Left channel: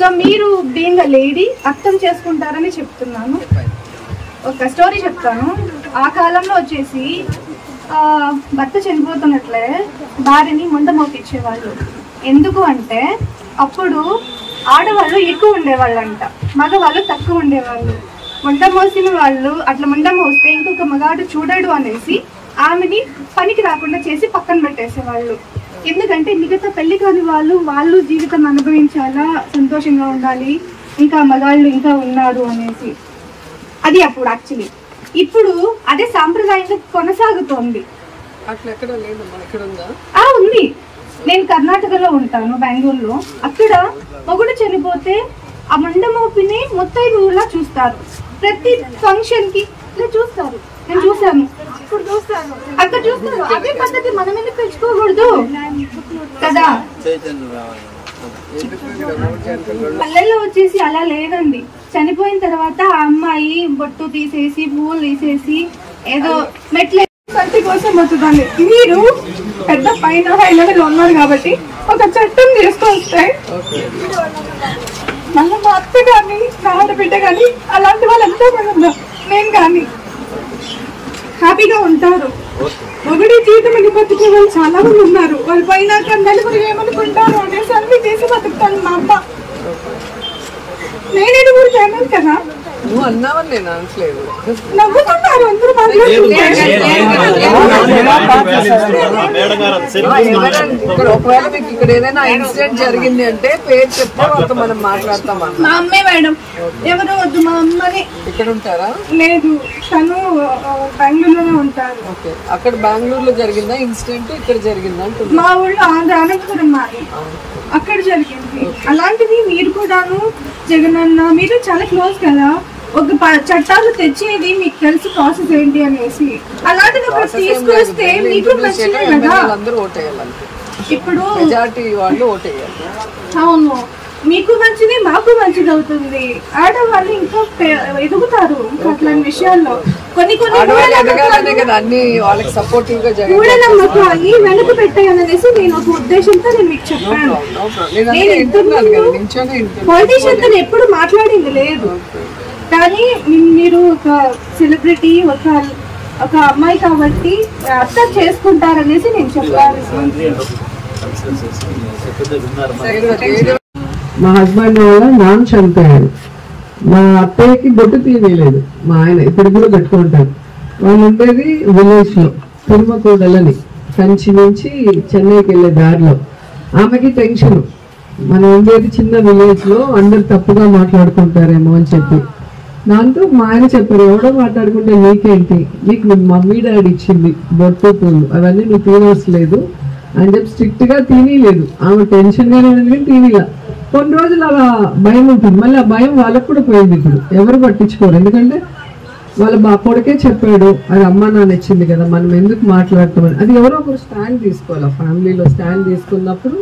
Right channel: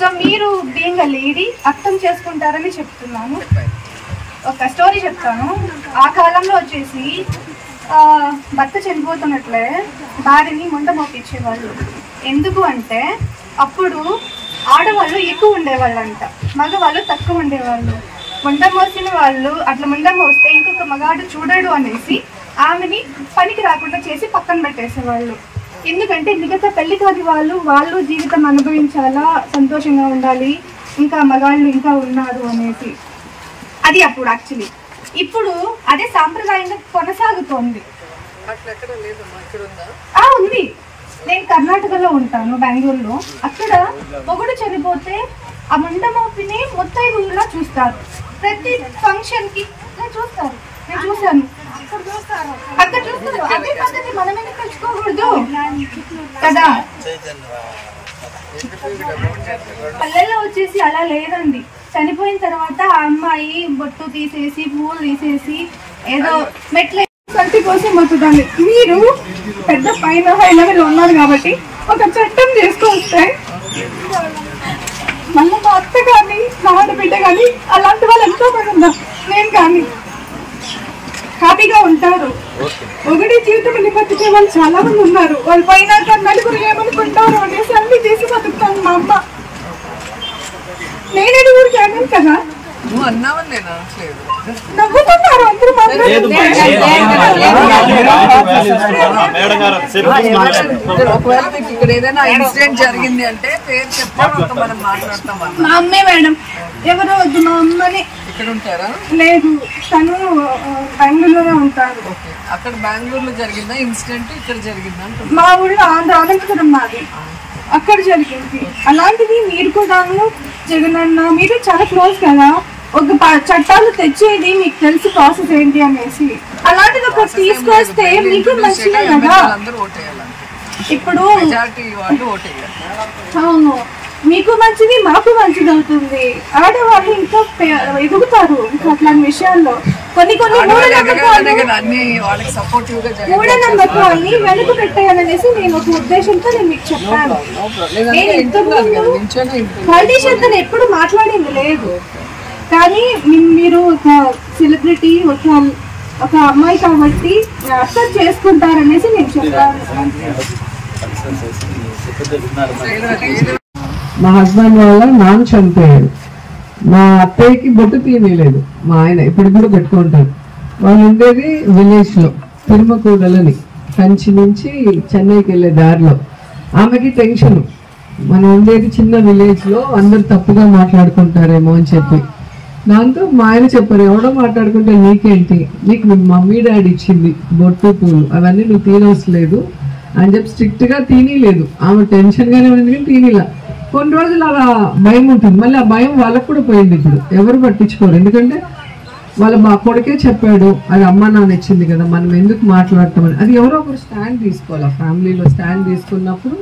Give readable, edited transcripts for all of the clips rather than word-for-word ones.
So మీరు being a lady అర్థం చేసుకుంటారని చెప్తున్నాను. ఒక స్టోరీ చెప్తాను. ఆ కాలంలో వచ్చేసి భర్త చనిపోతున్నట్లే భార్యని ముండమోపించేవాళ్ళు. ఎందుకు అంటే అప్పుడు ఆడవాళ్ళు ఎక్కువ ఉండేవాళ్ళంట, మగవాళ్ళు తక్కువ ఉండేవాళ్ళు. ముండమోసిన వాళ్ళు అట్లా ముండమోస్తే ఇంకొక మగాడు చూడడు అనేసి ఆమెని పనికి రాకుండా చేసి పక్కన పెట్టేసేవాళ్ళు. ఎందుకంటే మిగతా పెళ్లి కాని వాళ్ళు జీవితం అనుభవించాలా, సంతోషంగా ఉండాలి, ఇంకా మగాళ్ళు ఇంకా ఉన్నారు అనేసి. అది అప్పుడు యాక్చువల్లీ. ఇప్పుడు అదే సాంప్రదాయంగా కొనసాగుతోంది. ఉంది. నేను కర్ణాటకలో ఉంటాను, బెంగళూరులో. అక్కడ మొగుడు చనిపోతే ఆ ముండమోపిని ముత్తైదువులా చూస్తారు. ప్రతి ఫంక్షన్ కి చూస్తారు. నేను చూసాను, అక్కడ చూస్తారు. అదే పద్ధతి మనం ఎందుకు తెచ్చుకోకూడదు కదా? పల్లెల్లో వచ్చేసి అలా లేదండి. చనిపోయిన తర్వాత ఆ అమ్మాయి బొట్టు తీసేసి పువ్వులు తీసేసి ఏదో మెట్ల సంతి కోసం వస్తుందండి. మీరు పెద్ద పైన హైలెవెల్ ఉన్నారు కాబట్టి ఒక చట్టం చేసుకొస్తే మళ్ళీ మా అత్త కానీ నా ఆడబిడ్డ కానీ అలాంటి వాళ్ళు ఎంతో మంది ఉన్నారు. నేను కానీ హ్యాపీగా ఉంటారు. ఒకటి జీవితం బతికే వాళ్ళు చాలా మంది ఉన్నారు. వాళ్ళు పోయినాక నలుగురు ఏమనుకుంటారు అనేసి అన్ని చేసి బతుకుతాను. మా అమ్మ నేను ఎదుగురు కాను కదా, నవ్వుతున్నారు అందరూ ఒకవేళ మీకు ఇక్కడ ఏదైనా ఇన్సిడెంట్ జరిగింది అంటే పేరు చెప్తే మనం మాట్లాడతాం. మా అమ్మే మేడం, ఎవరు వద్దు, మా అమ్మని. ఇక్కడ ఉంటారా? లేదు, తను బెంగళూరులోనే ఉంటారు. ఓకే, అక్కడ బెంగళూరులో జరిగిందా ఇన్సిడెంట్? ఇక్కడ జరిగిందా? మా ఊళ్ళో అనంతపురం మాది, అక్కడ జరిగింది. అలాంటిది మీరు కూడాను జగనన్న మీరు చాలా క్లోజ్ కదా, ఒక చట్టాలు తెచ్చేది మీకు తెలుసు ప్రాసెస్ ఏంటి అనేసి. అలాంటిది ఒకటి తీసుకొస్తే మీకు మంచిదే కదా. ఇప్పుడు అవును, మీకు మంచిది, మాకు మంచిది అవుతుంది. ఆడవాళ్ళు ఇంకా ఎదుగుతారు ఇంకా అట్లాంటి విషయాల్లో. కొన్ని మూఢనమ్మకాలు వెనుక పెట్టాయనేసి నేను ఒక ఉద్దేశంతో నేను మీకు చెప్పాను. పొలిటీషియన్ తో ఎప్పుడు మాట్లాడింది లేదు, కానీ మీరు ఒక సెలబ్రిటీ, ఒక అమ్మాయి కాబట్టి అర్థం చేసుకుంటారనేసి నేను చెప్పాను. మా హస్బెండ్ వల్ల నాన్న చనిపోయాడు. మా అత్తయ్యకి బొట్టు తీయలేదు. మా ఆయన ఇప్పుడు కూడా పెట్టుకుంటారు. వాళ్ళు ఉండేది విలేజ్ లో, తిరుమకూడలని, కంచి నుంచి చెన్నైకి వెళ్ళే దారిలో. ఆమెకి టెన్షన్, మనం ఉండేది చిన్న విలేజ్ లో, అందరు తప్పుగా మాట్లాడుకుంటారేమో అని చెప్పి దాంతో మా ఆయన చెప్పారు, ఎవడో మాట్లాడుకుంటే నీకేంటి, నీకు నీ మమ్మీ డాడీ ఇచ్చింది బొట్టు పూలు, అవన్నీ నువ్వు తీనవసలేదు అని చెప్పి స్ట్రిక్ట్ గా తీయలేదు. ఆమె టెన్షన్ గానే ఉంది కానీ తీనిలా. కొన్ని రోజులు అలా భయం ఉంటుంది, మళ్ళీ ఆ భయం వాళ్ళకు కూడా పోయింది. ఇప్పుడు ఎవరు పట్టించుకోరు, ఎందుకంటే వాళ్ళ కొడుకే చెప్పాడు అది అమ్మ నాన్న ఇచ్చింది కదా, మనం ఎందుకు మాట్లాడతామని. అది ఎవరో ఒకరు స్టాండ్ తీసుకోవాలి. ఆ ఫ్యామిలీలో స్టాండ్ తీసుకున్నప్పుడు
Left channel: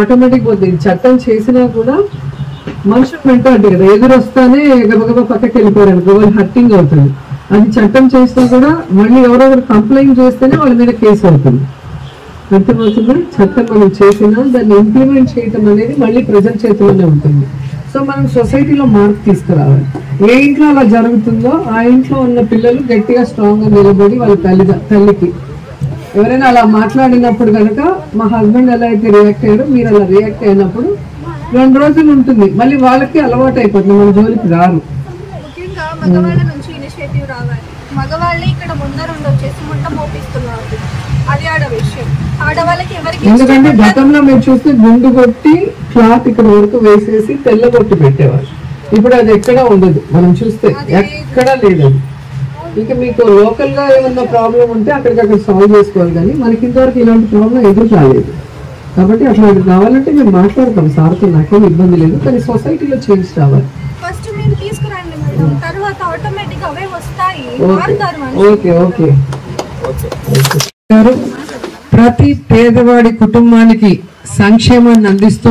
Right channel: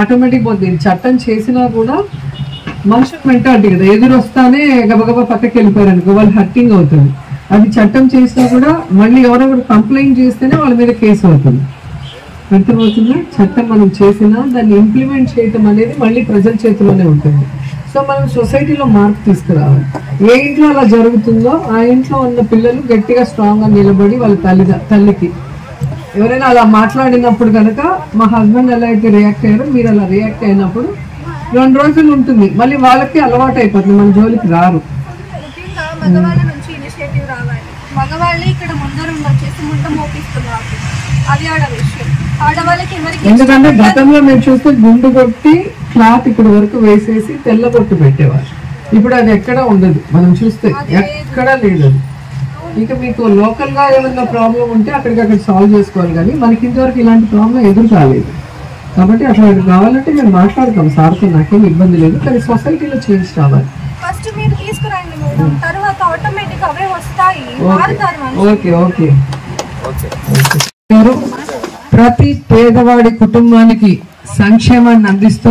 ఆటోమేటిక్ పోతుంది. చట్టం చేసినా కూడా మనుషులు మెంటాలిటీ కదా, ఎదురొస్తానే గబగబా పక్కకి వెళ్ళిపోయారు అనుకో, వాళ్ళు హర్టింగ్ అవుతుంది. అది చట్టం చేసినా కూడా మళ్ళీ ఎవరో ఒకరు కంప్లైంట్ చేస్తేనే వాళ్ళ మీద కేసు అవుతుంది. అర్థమవుతుందా? చట్టం మనం చేసినా దాన్ని ఇంప్లిమెంట్ చేయటం అనేది మళ్ళీ ప్రజల చేతిలోనే ఉంటుంది. సో మనం సొసైటీలో మార్పు తీసుకురావాలి. ఏ ఇంట్లో అలా జరుగుతుందో ఆ ఇంట్లో ఉన్న పిల్లలు గట్టిగా స్ట్రాంగ్ గా నిలబడి వాళ్ళ తల్లికి ఎవరైనా అలా మాట్లాడినప్పుడు కనుక మా హస్బెండ్ ఎలా అయితే రియాక్ట్ అయ్యారో మీరు అలా రియాక్ట్ అయినప్పుడు 2 రోజులు ఉంటుంది, మళ్ళీ వాళ్ళకి అలవాటు అయిపోతుంది, మన జోలికి రారు. మగవాళ్ళే ఇక్కడ ముందరుండి వచ్చేసి ముంట మోపిస్తున్నారు. అది ఆడ విషయం. ఆడవాళ్ళకి ఎవరికి, ఎందుకంటే గతంలో మీరు చూస్తే గుండు కొట్టి క్లాత్ ఇక్కడ వరకు వేసేసి తెల్ల కొట్టు పెట్టేవారు. ఇప్పుడు అది ఎక్కడా ఉండదు, మనం చూస్తే ఎక్కడా లేదు. ఇంకా మీకు లోకల్ గా ఏమన్నా ప్రాబ్లం ఉంటే అక్కడికక్కడ సాల్వ్ చేసుకోవాలి, కానీ మనకి ఇంతవరకు ఇలాంటి ప్రాబ్లం ఎదురు కాలేదు. కాబట్టి అట్లా కావాలంటే మేము మాట్లాడతాం సార్తో, నాకేం ఇబ్బంది లేదు, కానీ సొసైటీలో చేంజ్ రావాలి. ఫస్ట్ మీరు తీసుకురండి, తర్వాత ఆటోమేటిక్ అవే వస్తాయి. Okay okay. ప్రతి పేదవాడి కుటుంబానికి సంక్షేమాన్ని అందిస్తూ,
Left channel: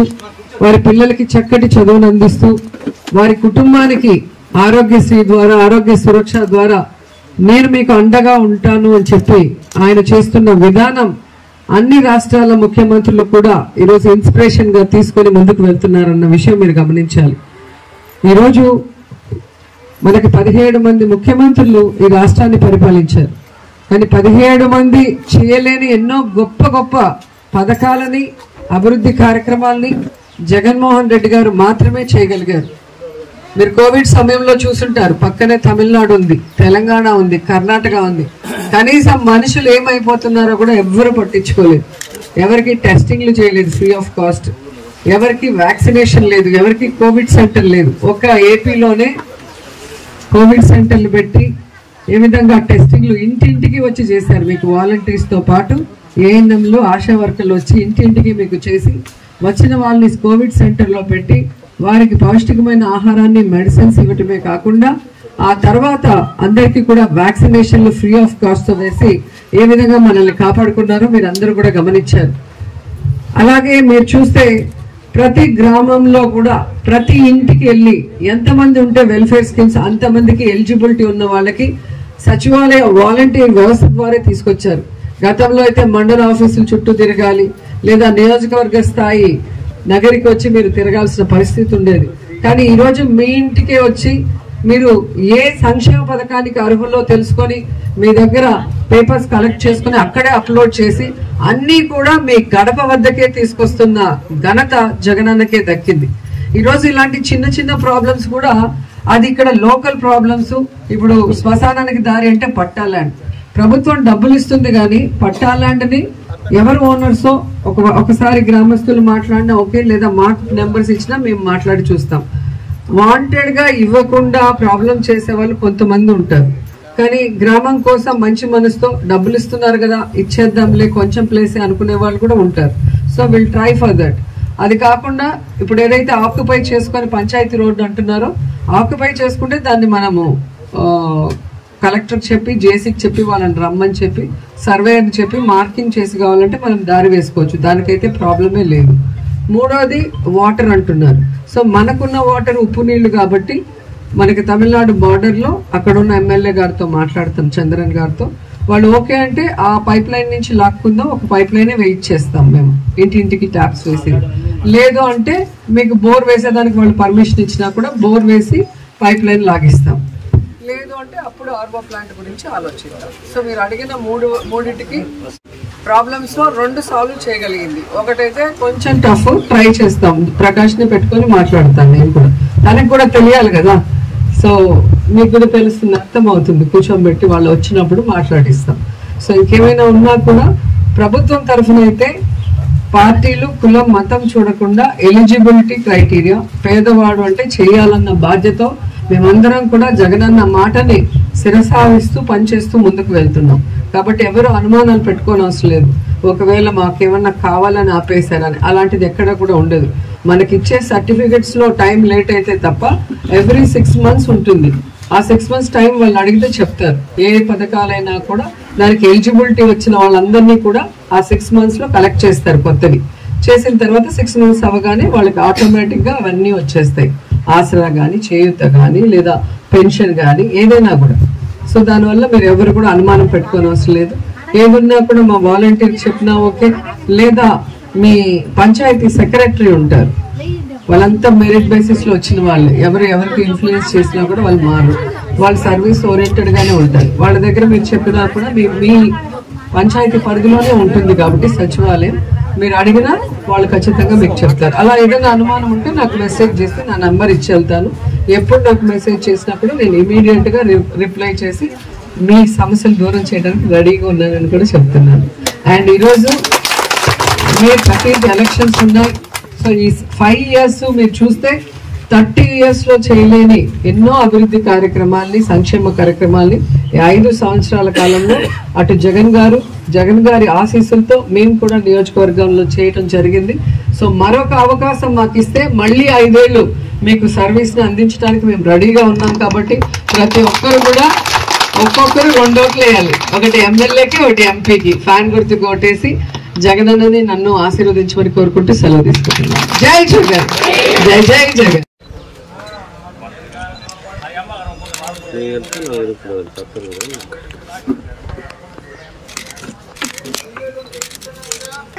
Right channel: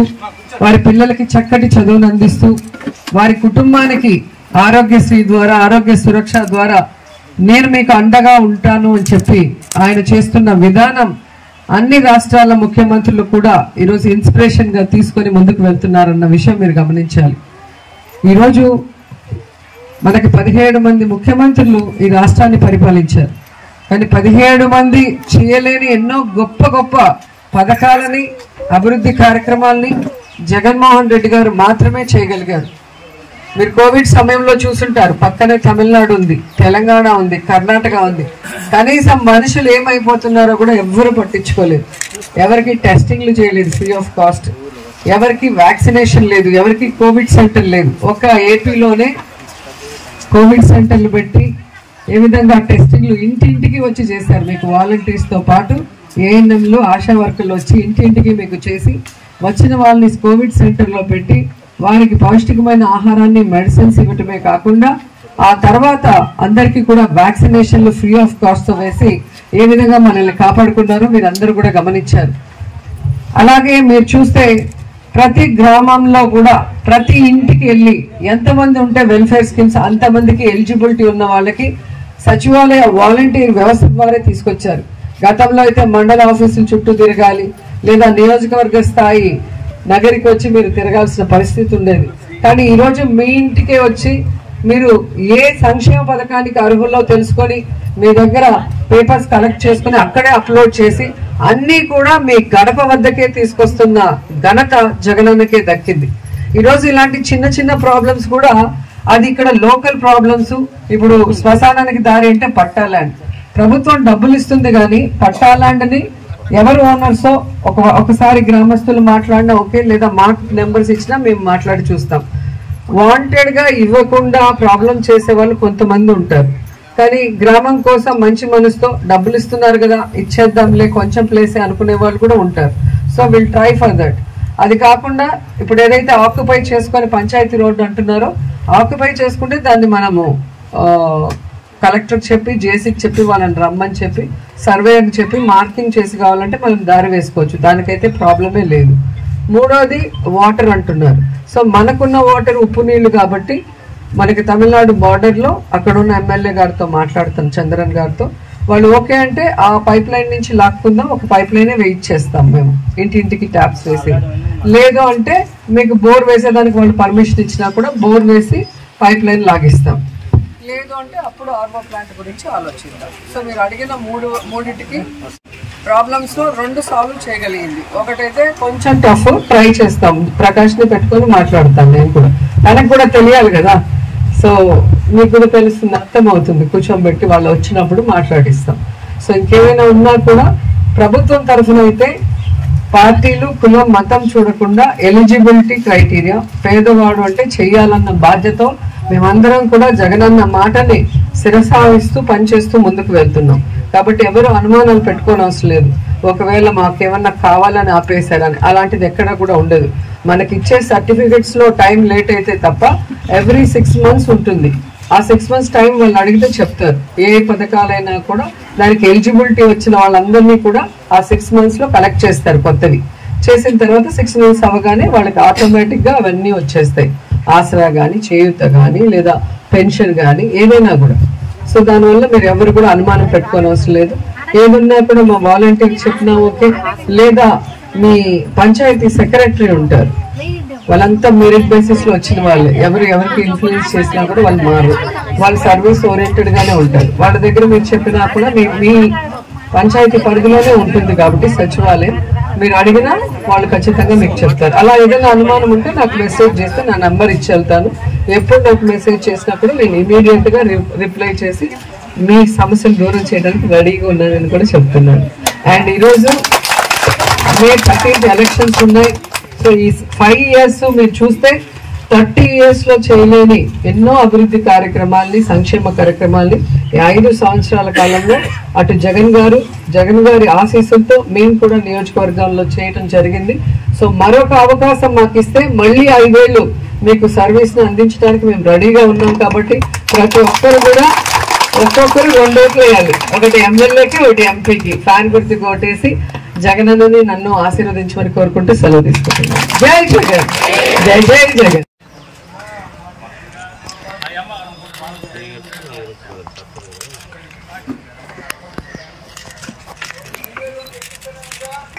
వారి పిల్లలకి చక్కటి చదువును అందిస్తూ, వారి కుటుంబానికి ఆరోగ్యశ్రీ ద్వారా, ఆరోగ్య సురక్ష ద్వారా నేను మీకు అండగా ఉంటాను అని చెప్పి ఆయన చేస్తున్న విధానం అన్ని రాష్ట్రాల ముఖ్యమంత్రులు కూడా ఈరోజు ఇన్స్పిరేషన్ గా తీసుకొని ముందుకు వెళ్తున్నారన్న విషయం మీరు గమనించాలి. ఈరోజు మనకి 17 మంది ముఖ్యమంత్రులు ఈ రాష్ట్రాన్ని పరిపాలించారు. కానీ 17 మంది చేయలేని ఎన్నో గొప్ప గొప్ప పథకాలని, అభివృద్ధి కార్యక్రమాలని జగన్మోహన్ రెడ్డి గారు మాత్రమే చేయగలిగారు. మీరు కోవిడ్ సమయంలో చూసుంటారు, పక్కనే తమిళనాడు ఉంది, తెలంగాణ ఉంది, కర్ణాటక ఉంది. కనీసం మనుషులు ఏమైపోతున్నారో కూడా ఎవ్వరు పట్టించుకోలేదు. ఎవరికి టెస్టింగ్లు చేయలేదు ఫ్రీ ఆఫ్ కాస్ట్, ఎవరికి వ్యాక్సినేషన్ లేదు, ఎవరికి కోవిడ్ సెంటర్ లేదు. ఒక ఏపీలోనే కోవిడ్ సెంటర్లు పెట్టి ఏ విధంగా టెస్టింగ్లు ఇంటింటికి వచ్చి చేశారు. మీకు వాలంటీర్స్ తో పాటు ఏఎన్ఎంలు, ఆశా వర్కర్లు వచ్చి ఇంటింటికి మీకు చేసి వచ్చిన వాళ్ళని కోవిడ్ సెంటర్ లో పెట్టి వారికి పౌష్టికమైన ఆహారాన్ని, మెడిసిన్స్ ఇవ్వటమే కాకుండా ఆ తర్వాత అందరికీ కూడా వ్యాక్సినేషన్లు ఫ్రీ ఆఫ్ కాస్ట్ తో వేసి ఏ విధంగా మనల్ని కాపాడుకున్నారో మీరు అందరూ కూడా గమనించారు. అలాగే మీరు చూస్తే ప్రతి గ్రామంలో కూడా ప్రతి ఇంటికి వెళ్ళి ఎంతమంది ఉంటే వెల్ఫేర్ స్కీమ్స్ అంతమందికి ఎలిజిబిలిటీ ఉన్న వాళ్ళకి సచివాలయ వాలంటీర్ వ్యవస్థ ద్వారా తీసుకొచ్చారు. గతంలో అయితే మండల ఆఫీసుల చుట్టూ తిరగాలి, లేదా నియోజకవర్గ స్థాయి నగరికి వచ్చి మీరు తిరగాల్సిన పరిస్థితి ఉండేది. కానీ ఈరోజు మీ ఇంటికే వచ్చి మీరు ఏ సంక్షేమ పథకానికి అర్హుల్లో తెలుసుకొని మీ దగ్గర పేపర్స్ కలెక్ట్ చేసుకుని అక్కడే అప్లోడ్ చేసి అన్ని కూడా మీ గడప వద్దకే తీసుకొస్తున్న ఘనత జగనన్నకే దక్కింది. ఈరోజు ఇలాంటి చిన్న చిన్న ప్రాబ్లమ్స్ కూడా అది ఇక్కడ లోకల్ ప్రాబ్లమ్స్. ఇప్పుడు శ్మశానానికి దారి అంటే పట్టా ల్యాండ్, ప్రభుత్వం డబ్బులు ఇస్తుంది కానీ పట్టా ల్యాండ్ని ఎవరు ఓనర్సో ఒకసారి గ్రామస్తులు మాట్లాడినా ఓకే, లేదా మాకు నెంబర్స్ ఇచ్చినా మేము మాట్లాడి చూస్తాం. వాంటెడ్ గా ఇవ్వకుండా ప్రాబ్లం చేసే వాళ్ళు కొంతమంది ఉంటారు. కానీ గ్రామం కోసం మంచి మనసుతో డబ్బులు ఇస్తున్నారు కదా ఇచ్చేద్దాంలే కొంచెం ప్లేసే అనుకునే వాళ్ళు కూడా ఉంటారు. So will try for that. అది కాకుండా ఇప్పుడు ఏదైతే ఆక్యుపై చేసుకొని పంచాయతీ రోడ్డు అంటున్నారో ఆక్యుపై చేసుకుంటే దాన్ని మనము కలెక్టర్ చెప్పి, జేసీకి చెప్పి, వాళ్ళని రమ్మని చెప్పి, సర్వేయర్ని చెప్పి మార్కింగ్ చేసి కావాలంటే మనం దారి వేసుకోవచ్చు. దానికైతే ప్రాబ్లమే లేదు. మూడోది వాటర్ అంటున్నారు. సో మనకున్న వాటర్ ఉప్పు నీళ్లు కాబట్టి మనకి తమిళనాడు బార్డర్ లో అక్కడ ఉన్న ఎమ్మెల్యే గారితో మాట్లాడతాం, చంద్రన్ గారితో. వాళ్ళు ఓకే అంటే ఆ పైప్ లైన్ నుంచి లాక్కుందాం, ఒక పైప్ లైనే వెయిట్ చేస్తాం మేము ఇంటింటికి ట్యాప్స్ వేసి. లేదు అంటే మీకు బోర్ వేసేదానికి వాళ్ళు పర్మిషన్ ఇచ్చినా కూడా బోర్ వేసి పైప్ లైన్ లాగిస్తాం. లేదు అంటే అప్పుడు ఆర్వో ప్లాంట్ గురించి ఆలోచిద్దాం. సో మీరు అడిగిన మూడింటికి ప్రాబ్లమ్స్ లో 2 సాల్వ్ చేయగలిగింది. ఒకటైతే కొంచెం టఫ్, ట్రై చేస్తాం, ప్రకాష్ ని పెట్టుకొని మాట్లాడతాం. నేను కూడా ఆయనకు కూడా తెలియాలి కదా. సో మీకు కూడా తెలుస్తుంది, అర్థం అవుతుంది, కూర్చోబెట్టి వాళ్ళు వచ్చినప్పుడు మాట్లాడిస్తాం. సో ఇంకేమైనా ఉన్నా కూడా ప్రభుత్వం తరఫున అయితే పార్టీలు, కులం, మతం చూడకుండా ఎలిజిబిలిటీ క్రైటీరియా, పేదవాడు అంటే చేయాలన్న బాధ్యత మేమందరం కూడా జగనన్న మాటని శిరసావిస్తూ పనిచేస్తూ ముందుకు వెళ్తున్నాం. కాబట్టి ఎవరు అనుమానాలు పెట్టుకోని అవసరం లేదు. ఒకవేళ మాకేమన్నా కావాలని ఆపేశారని అలాంటిది ఎక్కడ కూడా ఉండదు. మనకిచ్చే సర్టిఫికెట్స్ లో టైం లేట్ అయితే తప్ప ఎవ్రీ 6 months ఉంటుంది. ఆ 6 months టైం వాళ్ళు అడిగితే చెప్తారు. ఏ పథకాలైనా కూడా దానికి ఎలిజిబిలిటీ వచ్చిన వాళ్ళందరినీ కూడా ఆ 6 months లో కలెక్ట్ చేస్తారు. కొత్తవి చేసిన తర్వాత 6 months అవగానే వాళ్ళకి ఆటోమేటిక్ గా అవన్నీ వచ్చేస్తాయి. ఆసరా గాని, చేయూత గాని, లేదా పెన్షన్ గాని, ఏదైనా కూడా. సో దానివల్ల మీరు ఎవరు కూడా అనుమానం పెట్టుకోని అవసరం లేదు. ఏదున్నా కూడా మా వాలంటీర్ చెప్పినా ఓకే, లేదా మీ పంచాయతీ సెక్రటరీ ఉంటారు, వాళ్ళంతా మెరిట్ బేసిస్ లో వచ్చిన వాళ్ళే. ఎవరికి ఇన్ఫ్లుయెన్స్ చేసినా కూడా వాళ్ళు మారు, వాళ్ళు సర్వీస్ ఓరియంటెడ్ గానే ఉంటారు. వాళ్ళ దగ్గర మీరు చెప్పినా కూడా మీ పంచాయతీ పరిధిలోనే ఉంటుంది కాబట్టి సచివాలయం, మీరు అడిగినా వాళ్ళు ఖచ్చితంగా మీకు చెప్తారు. అలా ఏదైనా అనుమానం ఉంటే నాకు మెసేజ్ చేస్తే నా నంబర్ ఇచ్చి వెళ్తాను. ఎప్పుడు నాకు మెసేజ్ చేసినప్పుడు నేను ఇమీడియట్ గా రిప్లై చేసి మీ సమస్యలు దూరం చేయడానికి రెడీగా ఉన్నానని కూడా చెప్తున్నాను. అండ్ ఈరోజు మే 13 ఎలక్షన్స్ ఉన్నాయి. సో ఈ 5 years మీరు చూస్తే 30 years లో చేయలేని ఎన్నో అభివృద్ధి కార్యక్రమాల్ని, సంక్షేమ కార్యక్రమాల్ని 5 సంవత్సరాల కాలంలో అటు జగన్ గారి ఆశీస్సులతో మేము కూడా నియోజకవర్గాల్లో చేయటం జరిగింది. సో మరొక అవకాశం మాకు ఇస్తే మళ్ళీ 5 ఏళ్ళు మీకు సర్వీస్ ని అందించడానికి మేము రెడీగా ఉన్నాం. కాబట్టి ప్రతి ఒక్కరు కూడా ఒక్కొక్కరు 2 ఓట్లు వేయాలి. ఒకటి ఎమ్మెల్యేకి, ఒకటి ఎంపీకి. ఫ్యాన్ గుర్తుకు ఓటేసి జగనన్నని నన్ను ఆశీర్వదించమని కోరుకుంటూ సెలవు తీసుకుంటున్నాను. జై జగన్, జై జై జగన్.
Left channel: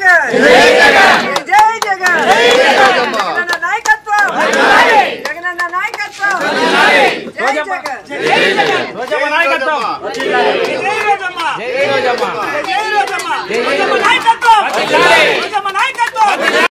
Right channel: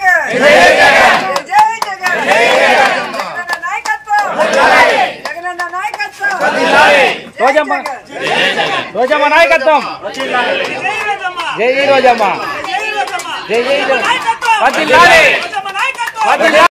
జగన్ జై జగన్ జగనన్న నాయకత్వం జగనన్న నాయకత్వం రోజమ్మ నాయకత్వం జై జై రోజమ్మ జై జై రోజమ్మ జై జై